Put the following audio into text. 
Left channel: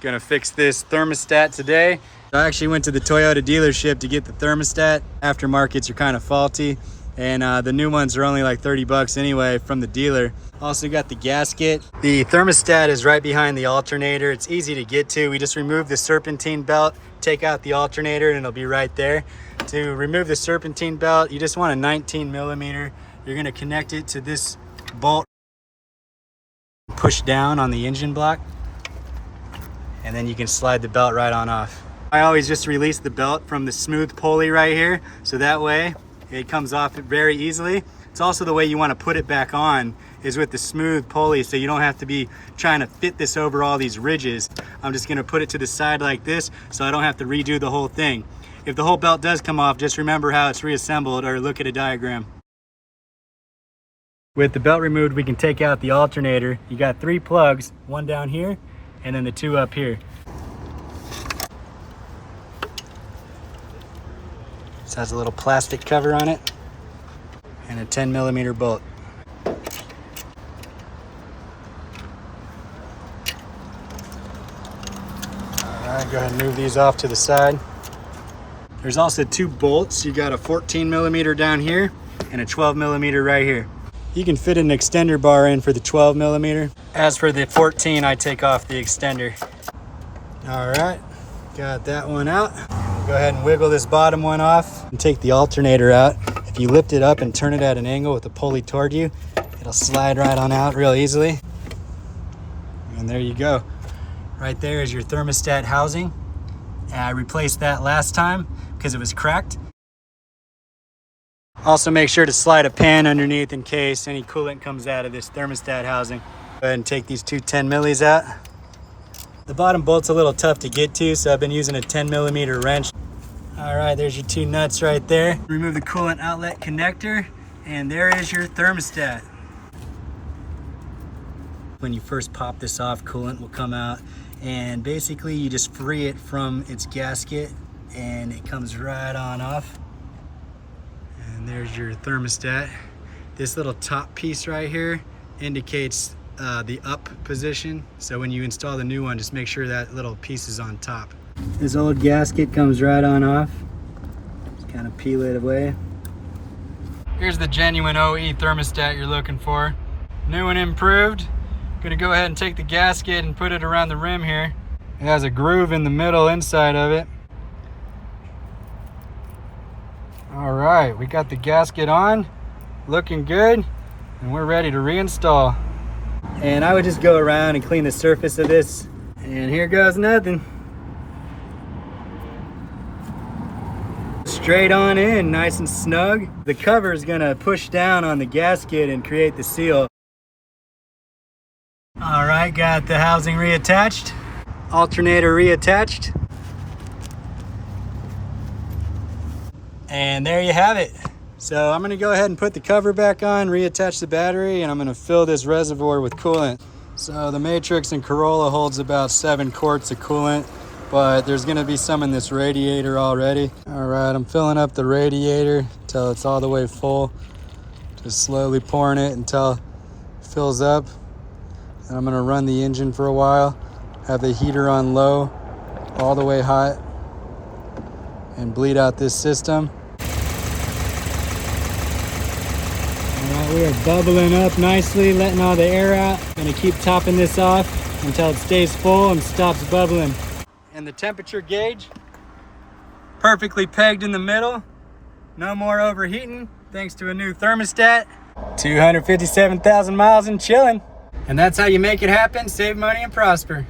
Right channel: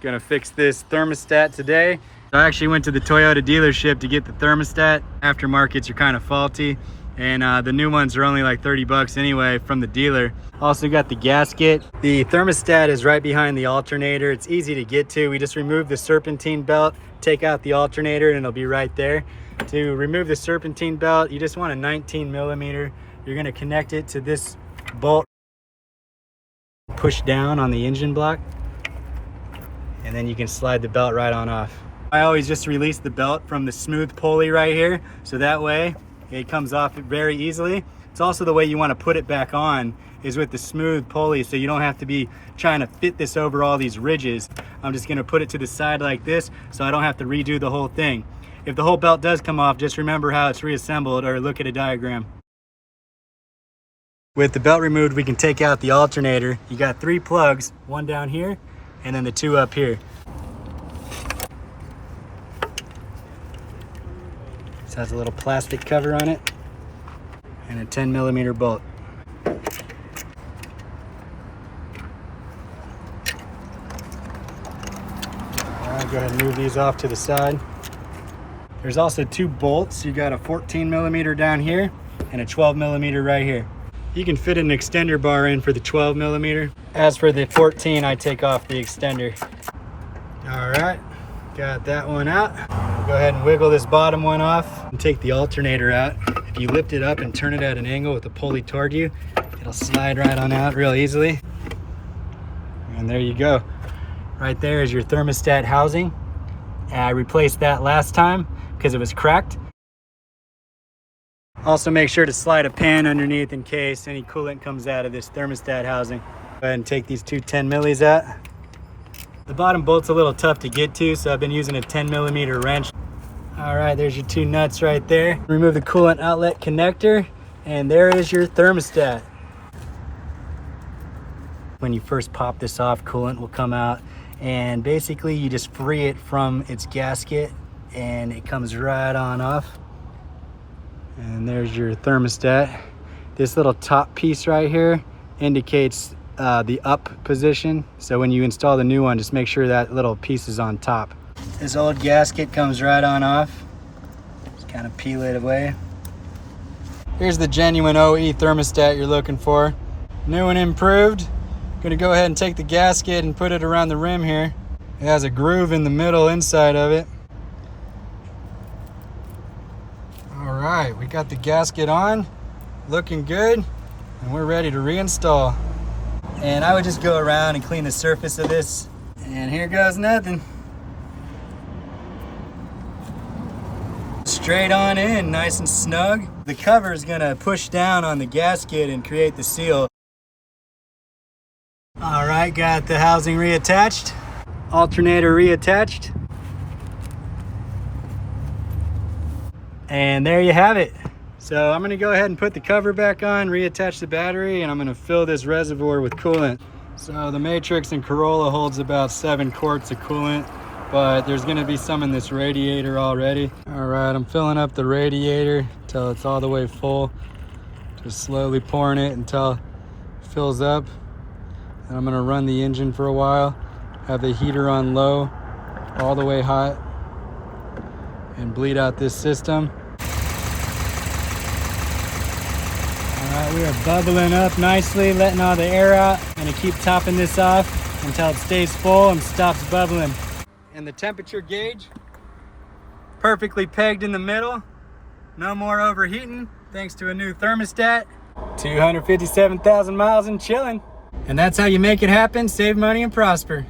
Gonna fix this thermostat today. I actually went to the Toyota dealership to get the thermostat. Aftermarkets are kind of faulty, and the new ones are only like 30 bucks anyway from the dealer. Also got the gasket. The thermostat is right behind the alternator. It's easy to get to. We just remove the serpentine belt, take out the alternator, and it'll be right there. To remove the serpentine belt, you just want a 19 millimeter. You're gonna connect it to this bolt, push down on the engine block, and then you can slide the belt right on off. I always just release the belt from the smooth pulley right here, so that way it comes off very easily. It's also the way you want to put it back on, is with the smooth pulley, so you don't have to be trying to fit this over all these ridges. I'm just going to put it to the side like this, so I don't have to redo the whole thing. If the whole belt does come off, just remember how it's reassembled, or look at a diagram. With the belt removed, we can take out the alternator. You got 3 plugs, one down here, and then the 2 up here. This has a little plastic cover on it and a 10 millimeter bolt. All right, go ahead and move these off to the side. There's also 2 bolts. You got a 14 millimeter down here and a 12 millimeter right here. You can fit an extender bar in for the 12 millimeter. As for the 14, I take off the extender. All right, got that one out. Go ahead and wiggle this bottom one off and take the alternator out. If you lift it up and turn it at an angle with the pulley toward you, it'll slide right on out real easily. And there you go. Right there is your thermostat housing. I replaced that last time because it was cracked. Also make sure to slide a pan underneath in case any coolant comes out of this thermostat housing. Go ahead and take these 2 10 millis out. The bottom bolt's a little tough to get to, so I've been using a 10 millimeter wrench. All right, there's your 2 nuts right there. Remove the coolant outlet connector, and there is your thermostat. When you first pop this off, coolant will come out, and basically you just free it from its gasket, and it comes right on off. And there's your thermostat. This little top piece right here indicates the up position. So when you install the new one, just make sure that little piece is on top. This old gasket comes right on off. Just kind of peel it away. Here's the genuine OE thermostat you're looking for. New and improved. Gonna go ahead and take the gasket and put it around the rim here. It has a groove in the middle inside of it. All right, we got the gasket on, looking good, and we're ready to reinstall. And I would just go around and clean the surface of this, and here goes nothing. Straight on in, nice and snug. The cover is gonna push down on the gasket and create the seal. All right, got the housing reattached, alternator reattached. And there you have it. So I'm gonna go ahead and put the cover back on, reattach the battery, and I'm gonna fill this reservoir with coolant. So the Matrix in Corolla holds about 7 quarts of coolant, but there's gonna be some in this radiator already. All right, I'm filling up the radiator until it's all the way full. Just slowly pouring it until it fills up. And I'm gonna run the engine for a while, have the heater on low, all the way hot, and bleed out this system. All right, we are bubbling up nicely, letting all the air out. Gonna keep topping this off until it stays full and stops bubbling. And the temperature gauge, perfectly pegged in the middle. No more overheating, thanks to a new thermostat. 257,000 miles and chilling. And that's how you make it happen, save money and prosper.